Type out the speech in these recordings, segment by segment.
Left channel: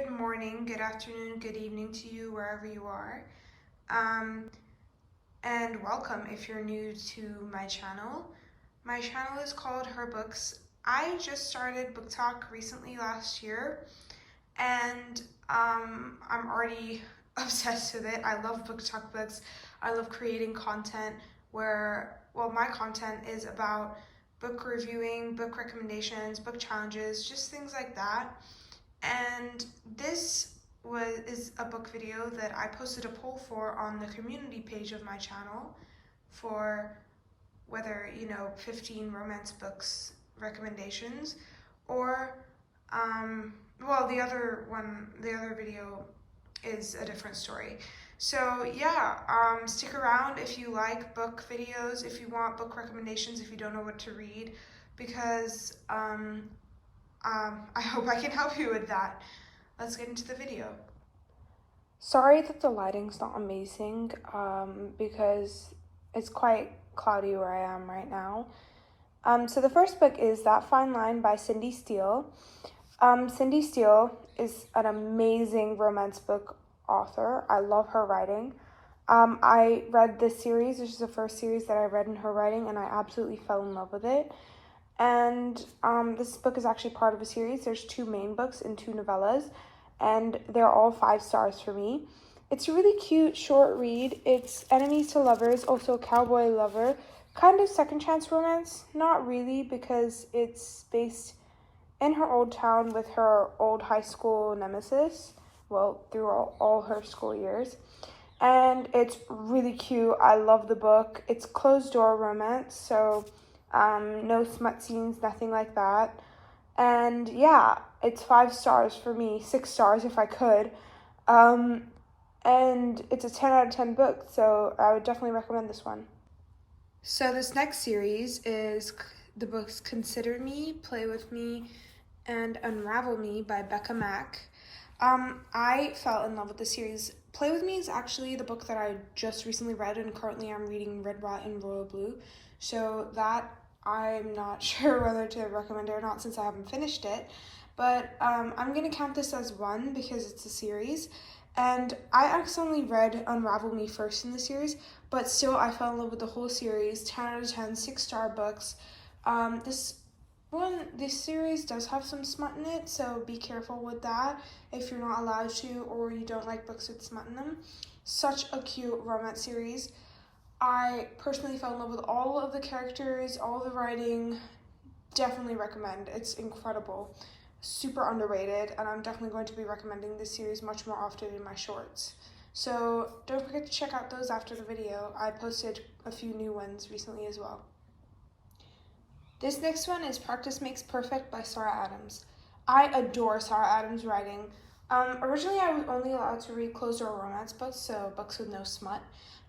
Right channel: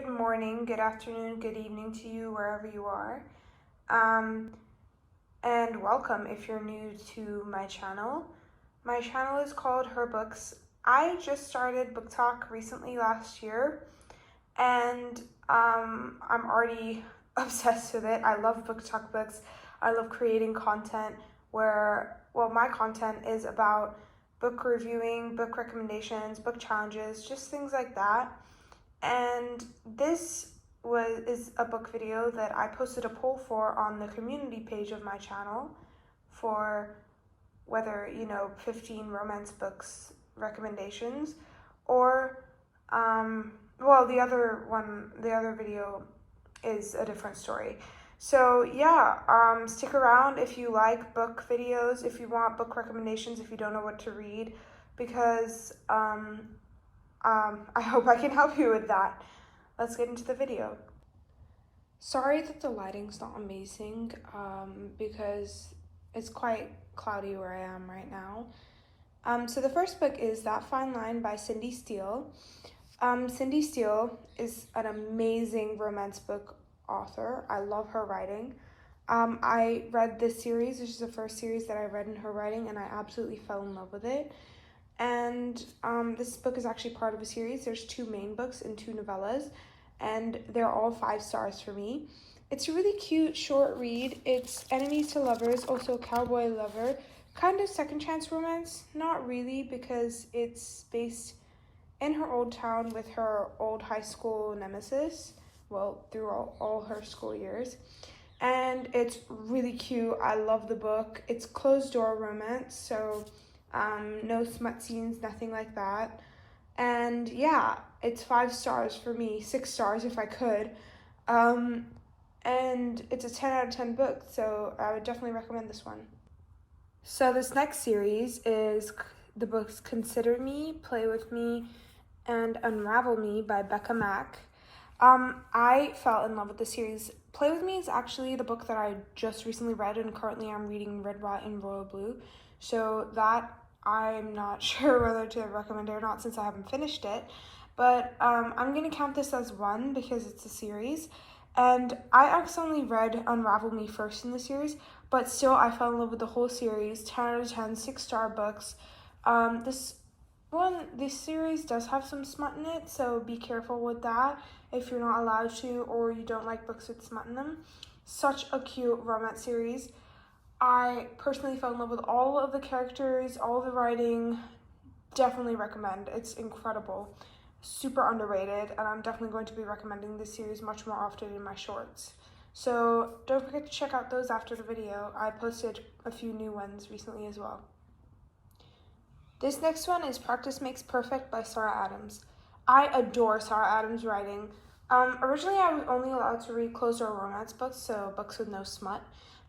good morning, good afternoon, good evening to you wherever you are. And welcome if you're new to my channel. My channel is called Her Books. I just started BookTok recently last year, and I'm already obsessed with it. I love BookTok books. I love creating content where, my content is about book reviewing, book recommendations, book challenges, just things like that. And this is a book video that I posted a poll for on the community page of my channel for whether, 15 romance books recommendations or, the other video is a different story. So yeah, stick around if you like book videos, if you want book recommendations, if you don't know what to read, because I hope I can help you with that. Let's get into the video. Sorry that the lighting's not amazing, because it's quite cloudy where I am right now. So the first book is That Fine Line by Cindy Steele. Cindy Steele is an amazing romance book author. I love her writing. I read this series. This is the first series that I read in her writing, and I absolutely fell in love with it. And this book is actually part of a series. There's 2 main books and 2 novellas, and they're all 5 stars for me. It's a really cute short read. It's enemies to lovers, also cowboy lover, kind of second chance romance. Not really, because it's based in her old town with her old high school nemesis, through all her school years. And it's really cute. I love the book. It's closed door romance, so no smut scenes, nothing like that. And yeah, it's 5 stars for me, 6 stars if I could. And it's a 10 out of 10 book, so I would definitely recommend this one. So this next series is the books Consider Me, Play With Me, and Unravel Me by Becca Mack. I fell in love with the series. Play With Me is actually the book that I just recently read, and currently I'm reading Red, White, and Royal Blue. So that I'm not sure whether to recommend it or not since I haven't finished it. But I'm going to count this as 1 because it's a series. And I accidentally read Unravel Me first in the series, but still I fell in love with the whole series. 10 out of 10, 6-star books. This series does have some smut in it, so be careful with that if you're not allowed to or you don't like books with smut in them. Such a cute romance series. I personally fell in love with all of the characters, all of the writing. Definitely recommend. It's incredible. Super underrated, and I'm definitely going to be recommending this series much more often in my shorts. So don't forget to check out those after the video. I posted a few new ones recently as well. This next one is Practice Makes Perfect by Sarah Adams. I adore Sarah Adams' writing. Originally I was only allowed to read closed-door romance books, so books with no smut,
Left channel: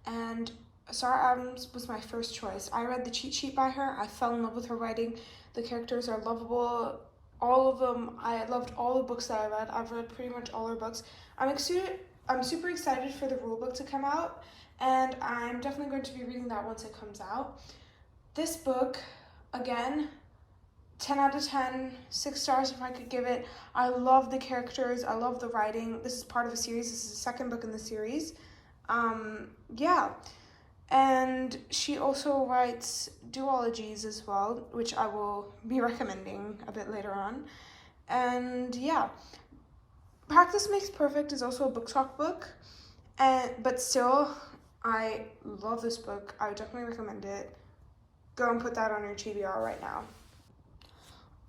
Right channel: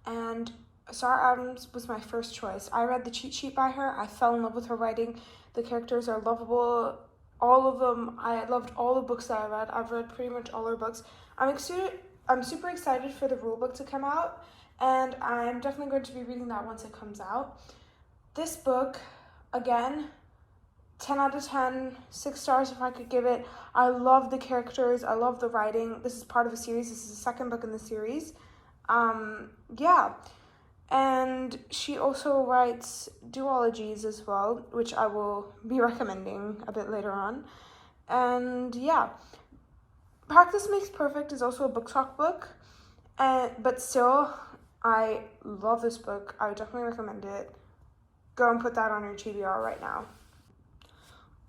and Sarah Adams was my first choice. I read The Cheat Sheet by her. I fell in love with her writing. The characters are lovable. All of them. I loved all the books that I read. I've read pretty much all her books. I'm super excited for the rule book to come out, and I'm definitely going to be reading that once it comes out. This book, again, 10 out of 10, 6 stars if I could give it. I love the characters. I love the writing. This is part of a series. This is the second book in the series. Yeah. And she also writes duologies as well, which I will be recommending a bit later on. And yeah, Practice Makes Perfect is also a BookTok book, but still, I love this book. I would definitely recommend it. Go and put that on your TBR right now.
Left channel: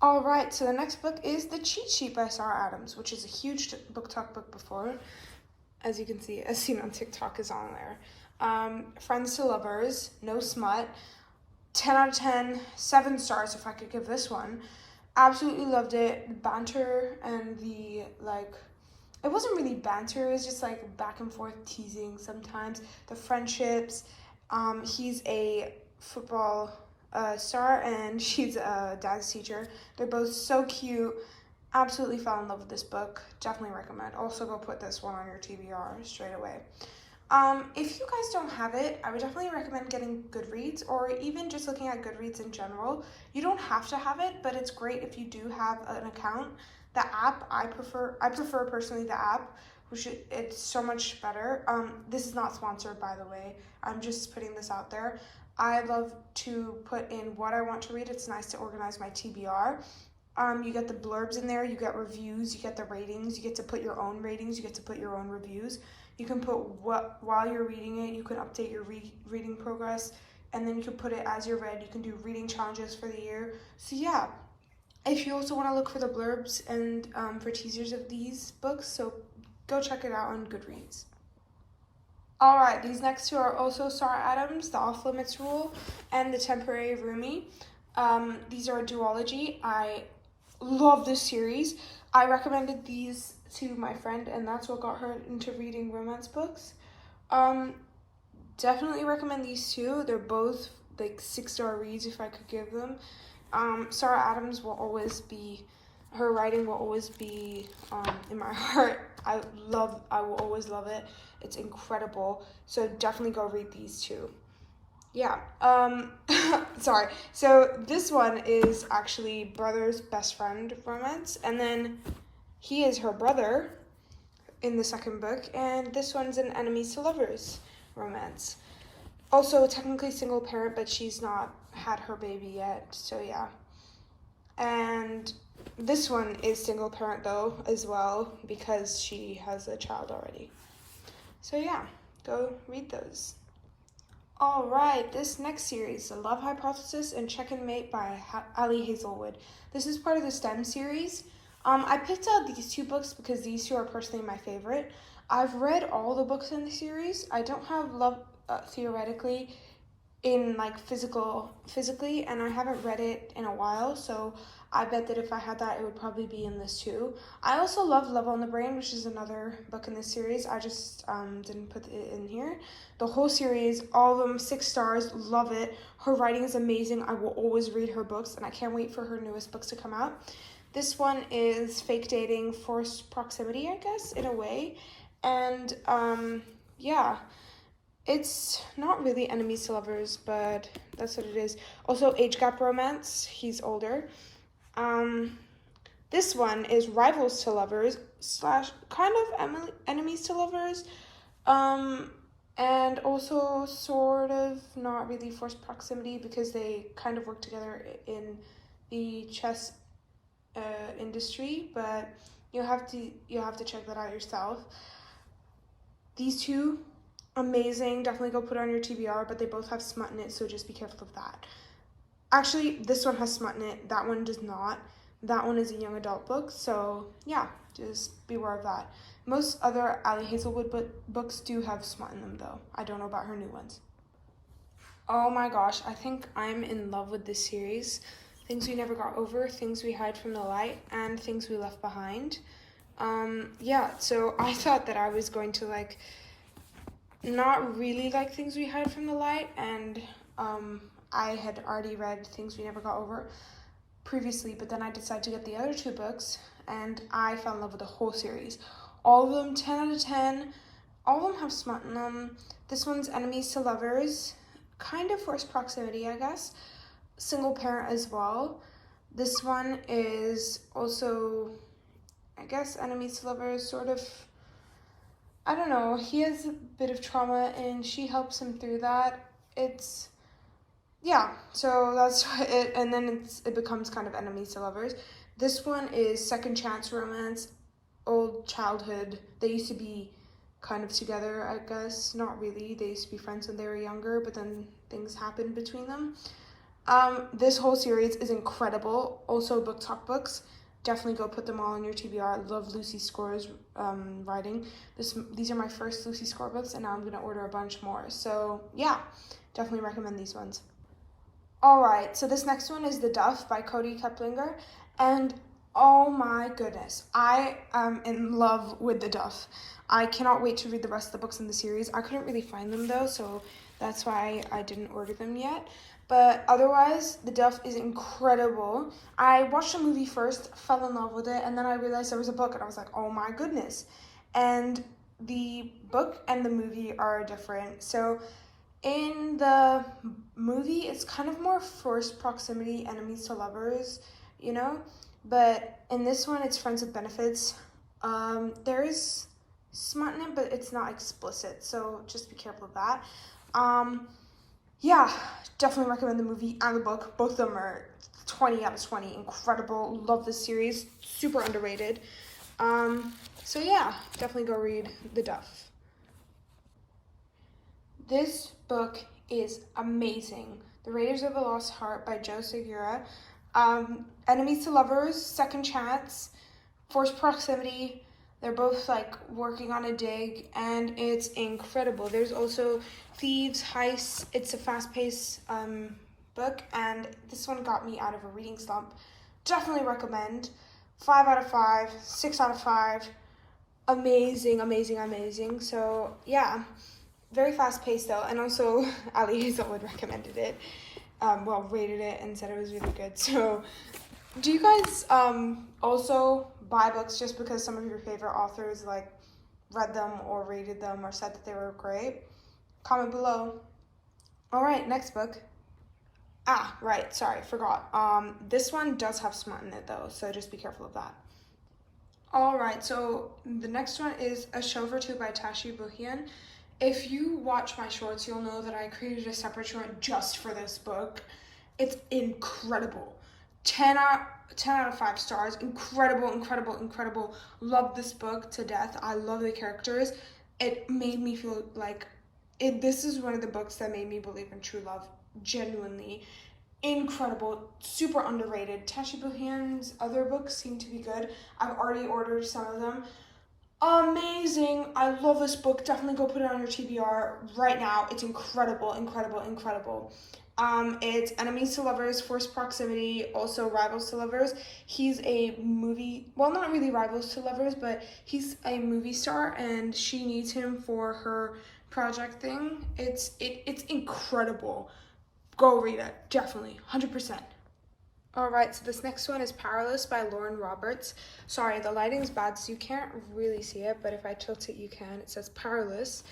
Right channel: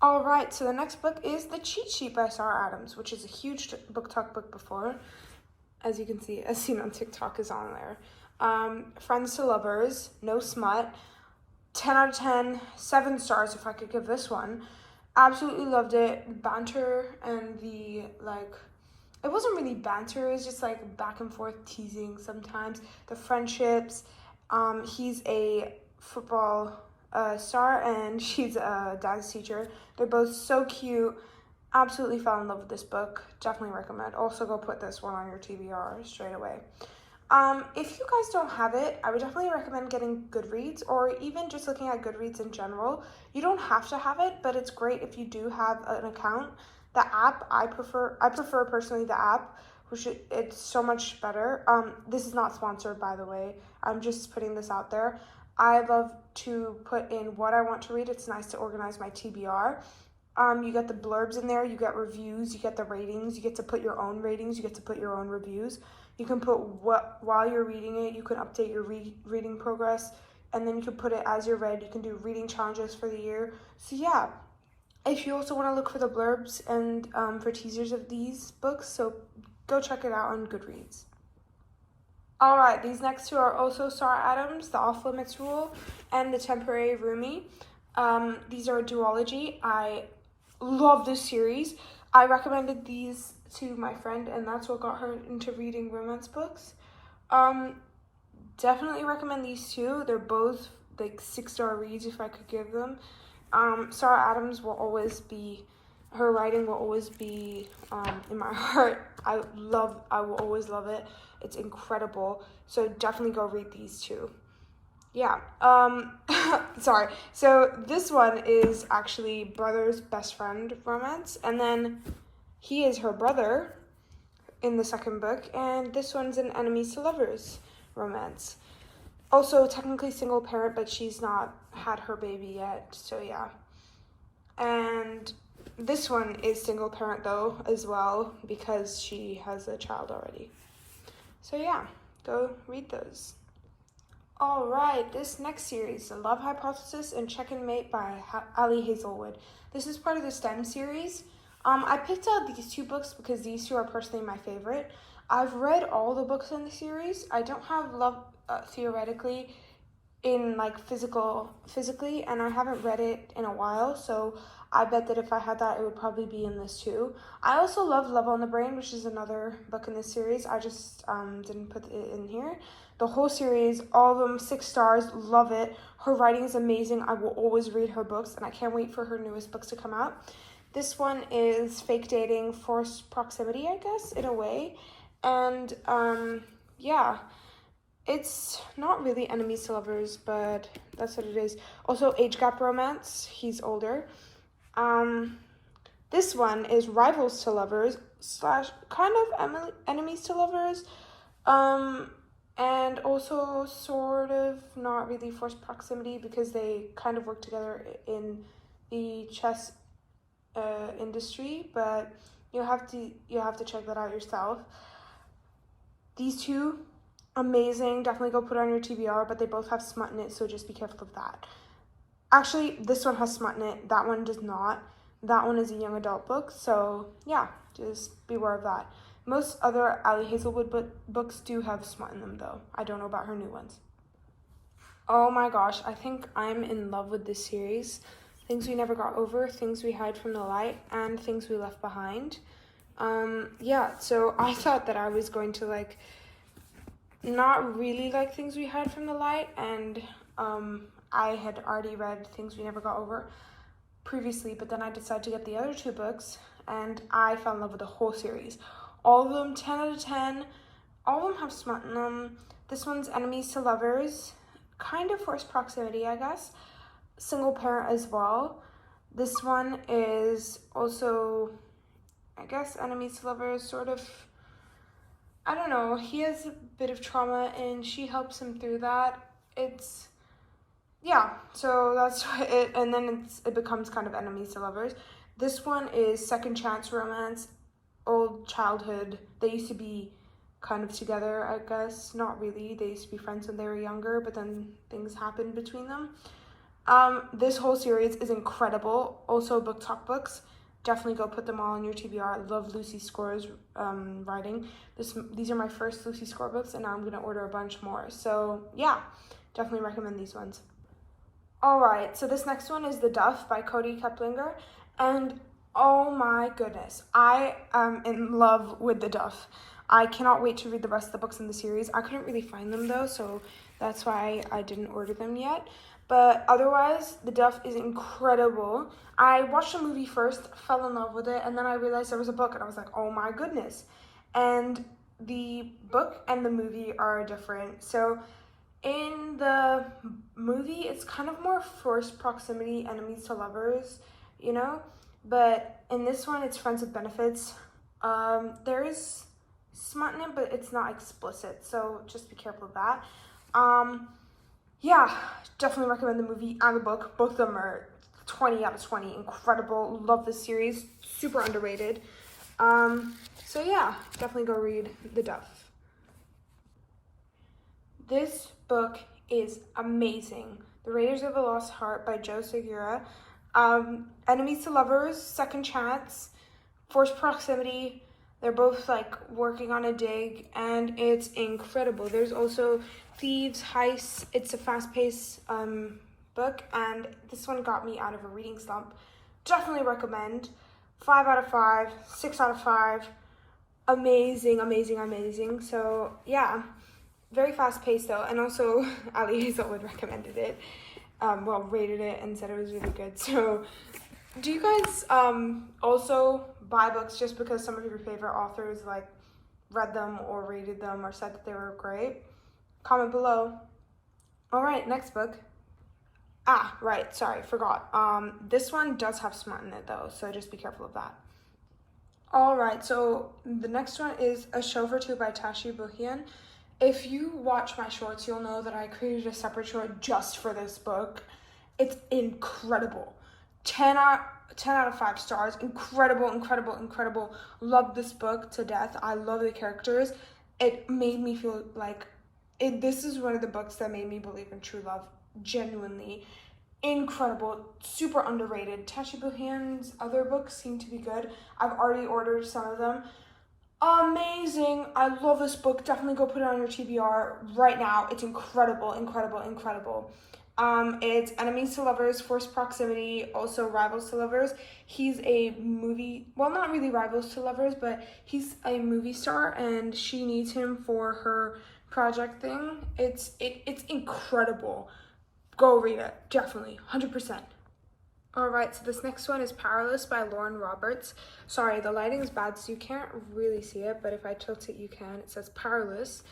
All right, so the next book is The Cheat Sheet by Sarah Adams, which is a huge BookTok book before. As you can see, as seen on TikTok, is on there. Friends to Lovers, no smut, 10 out of 10, 7 stars if I could give this one. Absolutely loved it. The banter and it wasn't really banter, it was just like back and forth teasing sometimes. The friendships, he's a football star and she's a dance teacher. They're both so cute. Absolutely fell in love with this book. Definitely recommend. Also go put this one on your TBR straight away. If you guys don't have it, I would definitely recommend getting Goodreads or even just looking at Goodreads in general. You don't have to have it, but it's great if you do have an account The app, I prefer personally the app, which it's so much better. This is not sponsored, by the way. I'm just putting this out there. I love to put in what I want to read. It's nice to organize my TBR. You get the blurbs in there, you get reviews, you get the ratings, you get to put your own ratings, you get to put your own reviews. You can put while you're reading it, you can update your reading progress, and then you can put it as you're read. You can do reading challenges for the year. So yeah, if you also want to look for the blurbs and for teasers of these books, so go check it out on Goodreads. All right, these next two are also Sara Adams, The Off Limits Rule, and The Temporary Roomie. These are a duology. I love this series. I recommended these to my friend, and that's what got her into reading romance books. Definitely recommend these two. They're both like 6-star reads if I could give them. Sara Adams will always be, her writing will always be in my heart. I will always love it. It's incredible. So definitely go read these two. Yeah, sorry. So this one is actually brother's best friend romance, and then he is her brother in the second book, and this one's an enemies to lovers romance. Also technically single parent, but she's not had her baby yet, so yeah. And this one is single parent though as well, because she has a child already. So yeah, go read those. All right, this next series, The Love Hypothesis and Check and Mate by Ali Hazelwood. This is part of the STEM series. I picked out these two books because these two are personally my favorite. I've read all the books in the series. I don't have Love Theoretically in like physically, and I haven't read it in a while, so I bet that if I had that, it would probably be in this too. I also love Love on the Brain, which is another book in this series. I just didn't put it in here. The whole series, all of them, 6 stars, love it. Her writing is amazing. I will always read her books, and I can't wait for her newest books to come out. This one is fake dating, forced proximity, I guess, in a way. And yeah, it's not really enemies to lovers, but that's what it is. Also, age gap romance. He's older. This one is rivals to lovers / kind of enemies to lovers. And also sort of not really forced proximity because they kind of work together in the chess industry, but you'll have to check that out yourself. These two, amazing. Definitely go put it on your TBR, but they both have smut in it, so just be careful of that. Actually, this one has smut in it. That one does not. That one is a young adult book, so yeah, just beware of that. Most other Ali Hazelwood books do have smut in them, though. I don't know about her new ones. Oh my gosh, I think I'm in love with this series. Things We Never Got Over, Things We Hide from the Light, and Things We Left Behind. Yeah, so I thought that I was going to like not really like Things We Hide from the Light, and I had already read Things We Never Got Over previously, but then I decided to get the other two books, and I fell in love with the whole series. All of them, 10 out of 10. All of them have smut in them. This one's enemies to lovers, kind of forced proximity, I guess. Single parent as well. This one is also, I guess, enemies to lovers, sort of. I don't know. He has a bit of trauma, and she helps him through that. It's, yeah. So that's it, and then it becomes kind of enemies to lovers. This one is second chance romance, old childhood. They used to be kind of together, I guess. Not really. They used to be friends when they were younger, but then things happened between them. This whole series is incredible. Also, Book Talk books. Definitely go put them all in your TBR. I love Lucy Score's writing. These are my first Lucy Score books, and now I'm going to order a bunch more. So, yeah, definitely recommend these ones. All right, so this next one is The Duff by Cody Keplinger, and oh my goodness, I am in love with The Duff. I cannot wait to read the rest of the books in the series. I couldn't really find them though, so that's why I didn't order them yet. But otherwise, The Duff is incredible. I watched the movie first, fell in love with it, and then I realized there was a book, and I was like, oh my goodness. And the book and the movie are different. So in the movie, it's kind of more forced proximity, enemies to lovers, you know? but in this one, it's Friends with Benefits. There is smut in it, but it's not explicit, so just be careful of that. Yeah, definitely recommend the movie and the book. Both of them are 20 out of 20. Incredible. Love this series. Super underrated. So yeah, definitely go read The Duff. This book is amazing. The Raiders of the Lost Heart by Joe Segura. Enemies to Lovers, Second Chance, Forced Proximity. They're both like working on a dig, and it's incredible. There's also Thieves, Heists. It's a fast-paced book, and this one got me out of a reading slump. Definitely recommend. 5 out of 5, 6 out of 5. Amazing, amazing, amazing. So yeah, very fast-paced though, and also Ali Hazelwood recommended it. Rated it and said it was really good. So do you guys also buy books just because some of your favorite authors like read them or rated them or said that they were great? Comment below. All right, next book. Right, sorry, forgot. This one does have smut in it though, so just be careful of that. All right, so the next one is A Show for Two by Tashi Bhuiyan. If you watch my shorts, you'll know that I created a separate short just for this book. It's incredible. 10 out of 5 stars. Incredible, incredible, incredible. Love this book to death. I love the characters. It made me feel like this is one of the books that made me believe in true love. Genuinely. Incredible. Super underrated. Tashi Bhuiyan's other books seem to be good. I've already ordered some of them. Amazing. I love this book. Definitely go put it on your TBR right now. It's incredible, incredible, incredible. It's Enemies to Lovers, Forced Proximity, also Rivals to Lovers. He's a not really rivals to lovers, but he's a movie star and she needs him for her project thing. It's incredible. Go read it, definitely, 100%. All right, so this next one is Powerless by Lauren Roberts. Sorry, the lighting is bad, so you can't really see it, but if I tilt it, you can. It says Powerless.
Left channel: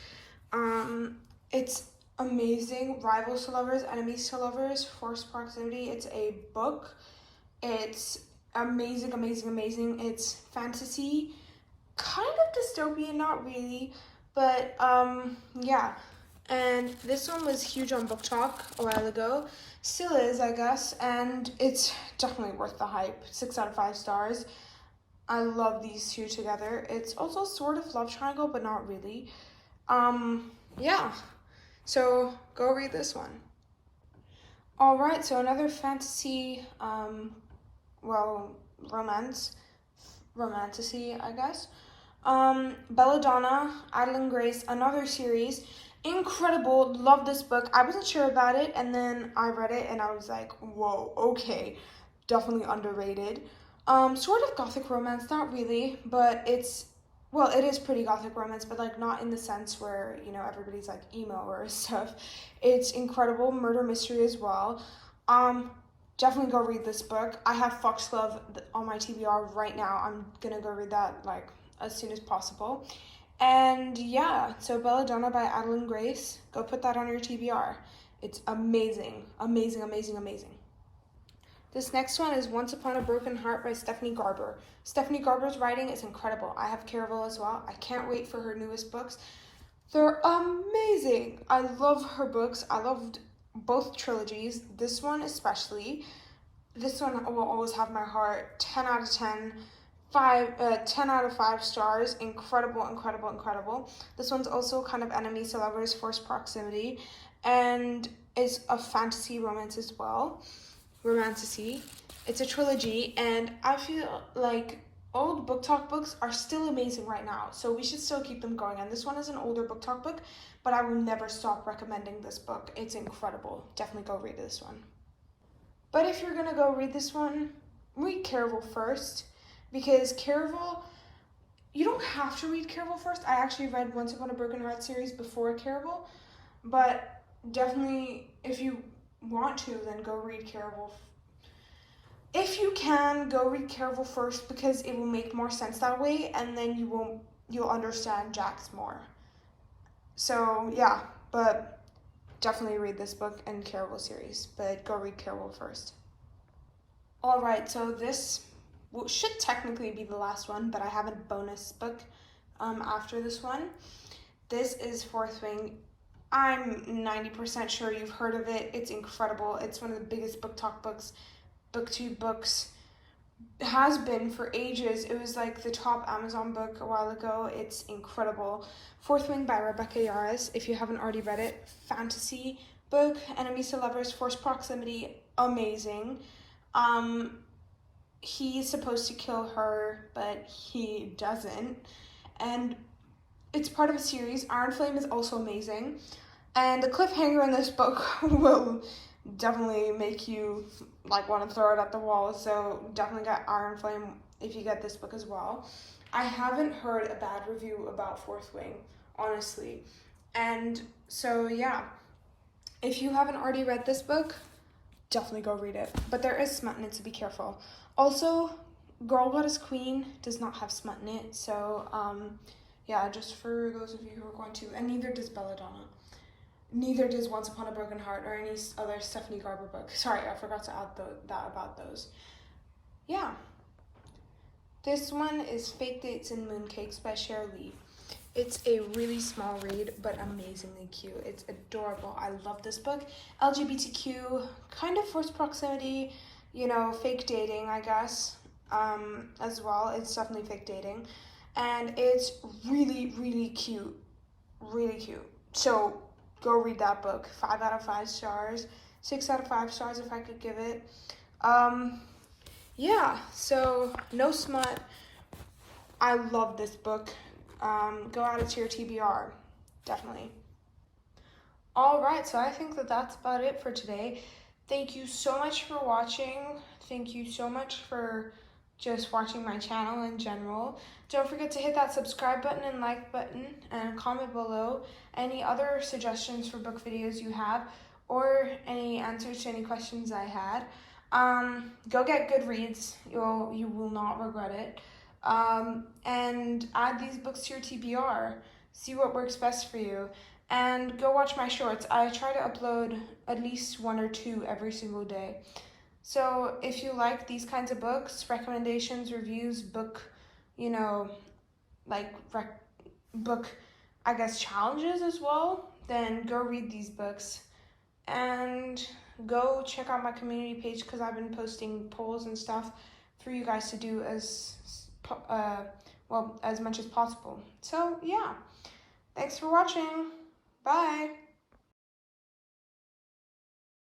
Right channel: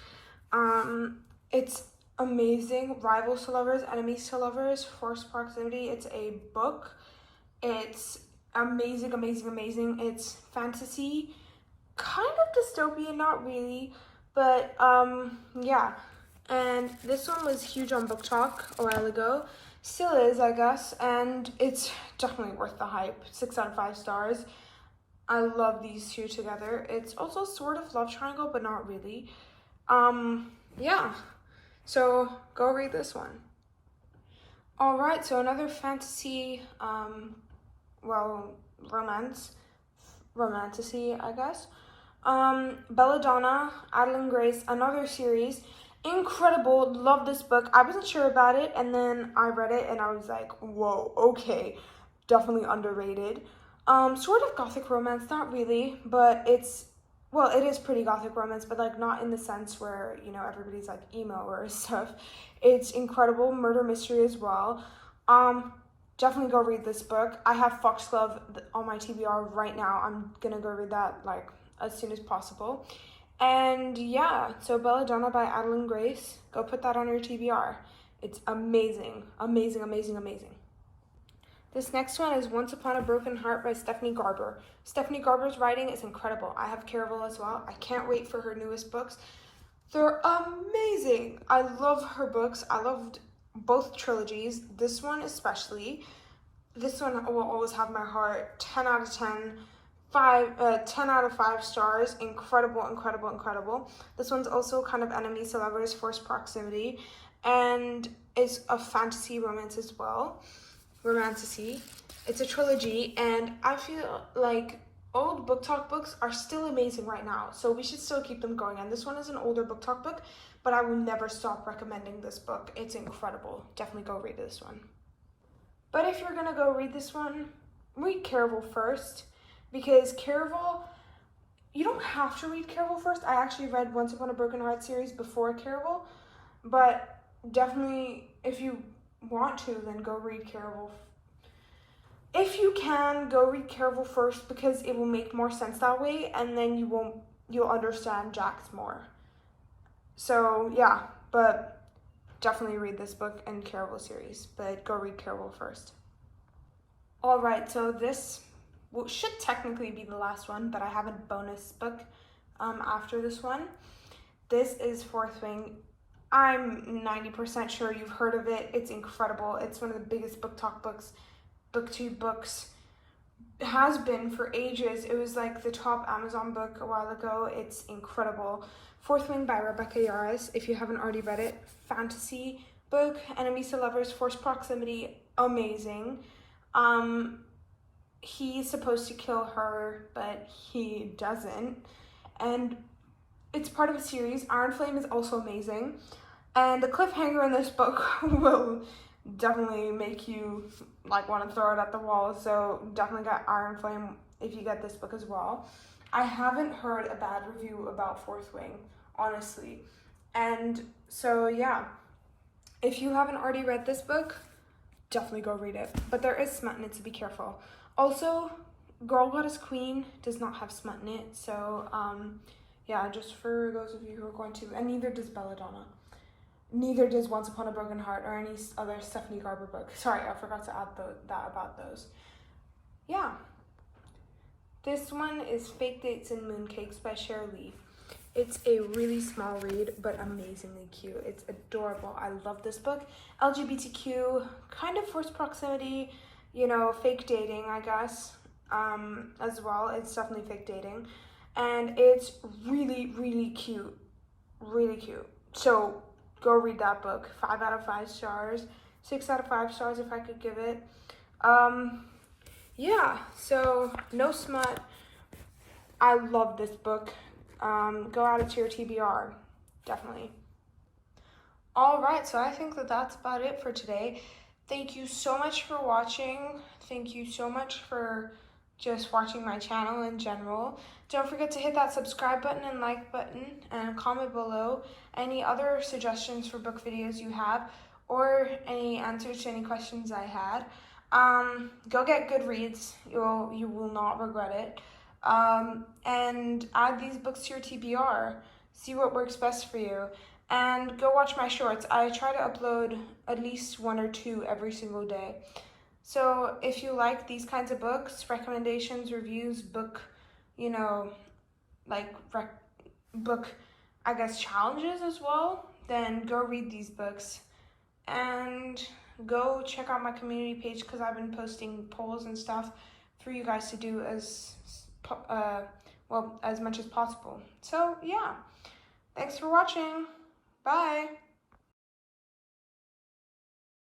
It's amazing. Rivals to Lovers, Enemies to Lovers, Forced Proximity. It's a book. It's amazing, amazing, amazing. It's fantasy, kind of dystopian, not really, but yeah. And this one was huge on Book Talk a while ago. Still is, I guess, and it's definitely worth the hype. 6 out of 5 stars. I love these two together. It's also sort of love triangle, but not really. Yeah. So go read this one. All right, so another fantasy, romantasy, I guess. Belladonna, Adeline Grace, another series. Incredible. Love this book. I wasn't sure about it, and then I read it, and I was like, whoa, okay. Definitely underrated. Sort of gothic romance, not really, but it is pretty gothic romance, but like not in the sense where, you know, everybody's like emo or stuff. It's incredible. Murder mystery as well. Definitely go read this book. I have Foxglove on my TBR right now. I'm gonna go read that like as soon as possible. And yeah, so Belladonna by Adeline Grace. Go put that on your TBR. It's amazing, amazing, amazing, amazing. This next one is Once Upon a Broken Heart by Stephanie Garber. Stephanie Garber's writing is incredible. I have Caraval as well. I can't wait for her newest books. They're amazing. I love her books. I loved both trilogies. This one especially. This one will always have my heart. 10 out of 10. 10 out of 5 stars. Incredible, incredible, incredible. This one's also kind of Enemies to Lovers, Forced Proximity. And it's a fantasy romance as well. Romantasy. It's a trilogy, and I feel like old Book Talk books are still amazing right now, so we should still keep them going. And this one is an older Book Talk book, but I will never stop recommending this book. It's incredible. Definitely go read this one. But if you're gonna go read this one, read Caraval first, because Caraval, you don't have to read Caraval first. I actually read Once Upon a Broken Heart series before Caraval, but definitely if you want to, then go read Caraval. If you can, go read Caraval first, because it will make more sense that way, and then you'll understand Jax more. So yeah, but definitely read this book and Caraval series, but go read Caraval first. All right, so this should technically be the last one, but I have a bonus book after this one. This is Fourth Wing. I'm 90% sure you've heard of it. It's incredible. It's one of the biggest book talk books, booktube books. It has been for ages. It was like the top Amazon book a while ago. It's incredible. Fourth Wing by Rebecca Yarros. If you haven't already read it, fantasy book. Enemies to lovers, forced proximity, amazing. He's supposed to kill her, but he doesn't. And it's part of a series. Iron Flame is also amazing. And the cliffhanger in this book will definitely make you like want to throw it at the wall. So definitely get Iron Flame if you get this book as well. I haven't heard a bad review about Fourth Wing, honestly. And so yeah, if you haven't already read this book, definitely go read it. But there is smut in it, so be careful. Also, Girl Goddess Queen does not have smut in it, so yeah, just for those of you who are going to, and neither does Belladonna. Neither does Once Upon a Broken Heart or any other Stephanie Garber book. Sorry, I forgot to add that about those. Yeah. This one is Fake Dates and Mooncakes by Cher Lee. It's a really small read, but amazingly cute. It's adorable. I love this book. LGBTQ, kind of forced proximity, you know, fake dating, I guess, as well. It's definitely fake dating. And it's really, really cute. Really cute. So go read that book. 5 out of 5 stars. 6 out of 5 stars if I could give it. Yeah, so no smut. I love this book. Go add it to your TBR. Definitely. All right, so I think that that's about it for today. Thank you so much for watching. Thank you so much for just watching my channel in general. Don't forget to hit that subscribe button and like button and comment below any other suggestions for book videos you have or any answers to any questions I had. Go get Goodreads. You will not regret it. And add these books to your TBR. See what works best for you. And go watch my shorts. I try to upload at least 1 or 2 every single day. So if you like these kinds of books, recommendations, reviews, book, you know, like book, I guess, challenges as well, then go read these books. And go check out my community page because I've been posting polls and stuff for you guys to do as much as possible. So yeah, thanks for watching. Bye.